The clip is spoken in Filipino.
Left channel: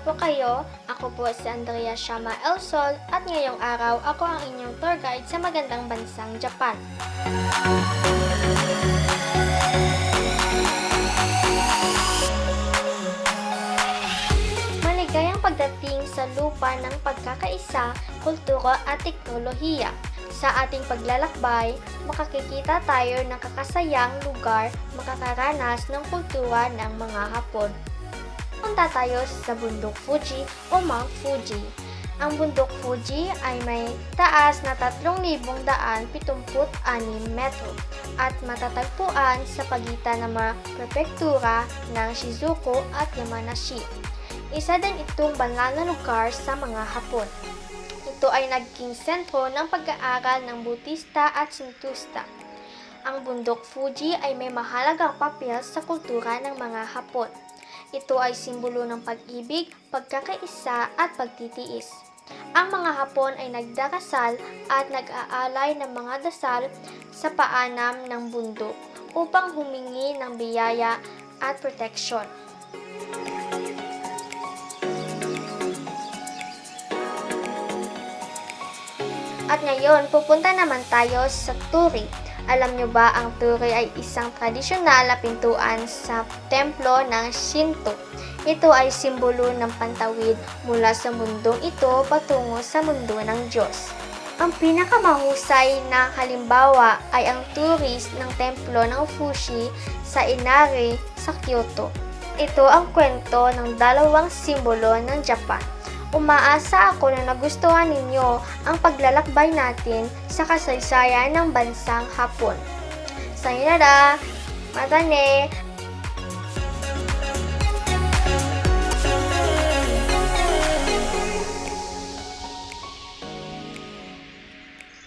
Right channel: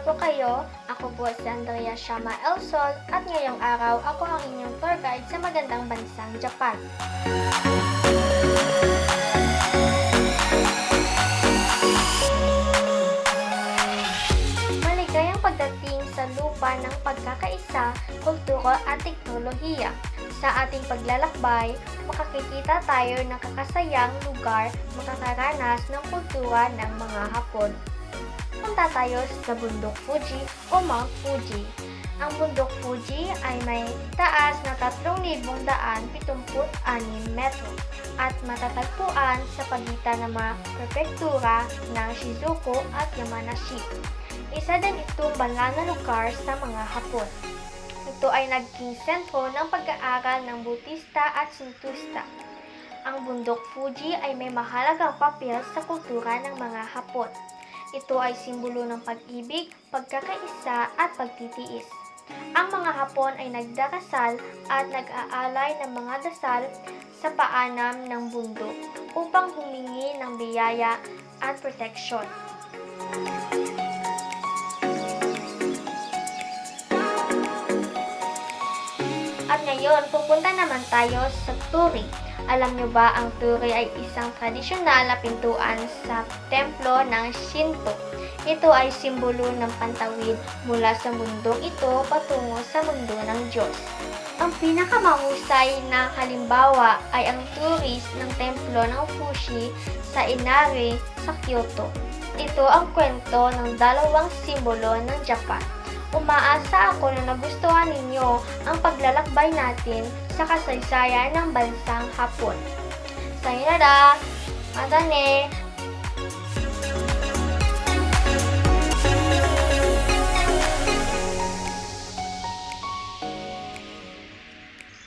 po kayo? Ako po si Andrea Shama Elsol at ngayong araw ako ang inyong tour guide sa magandang bansang Japan. Maligayang pagdating sa lupa ng pagkakaisa, kultura at teknolohiya. Sa ating paglalakbay, makakikita tayo ng kakasayang lugar, makakaranas ng kultura ng mga Hapon. Punta tayo sa bundok Fuji o Mount Fuji. Ang bundok Fuji ay may taas na 3,176 metro at matatagpuan sa pagitan ng mga prefektura ng Shizuoka at Yamanashi. Isa din itong banal na lugar sa mga Hapon. Ito ay naging sentro ng pag-aaral ng Budista at Shintoista. Ang bundok Fuji ay may mahalagang papel sa kultura ng mga Hapon. Ito ay simbolo ng pag-ibig, pagkakaisa at pagtitiis. Ang mga Hapon ay nagdarasal at nag-aalay ng mga dasal sa paanan ng bundok upang humingi ng biyaya at proteksyon. At ngayon, pupunta naman tayo sa Torii. Alam nyo ba ang Torii ay isang tradisyonal na pintuan sa templo ng Shinto. Ito ay simbolo ng pantawid mula sa mundong ito patungo sa mundo ng Diyos. Ang pinakamahusay na halimbawa ay ang Torii ng templo ng Fushi sa Inari sa Kyoto. Ito ang kwento ng dalawang simbolo ng Japan. Umaasa ako na nagustuhan ninyo ang paglalakbay natin sa kasaysayan ng bansang Hapon. Sayonara! Matane!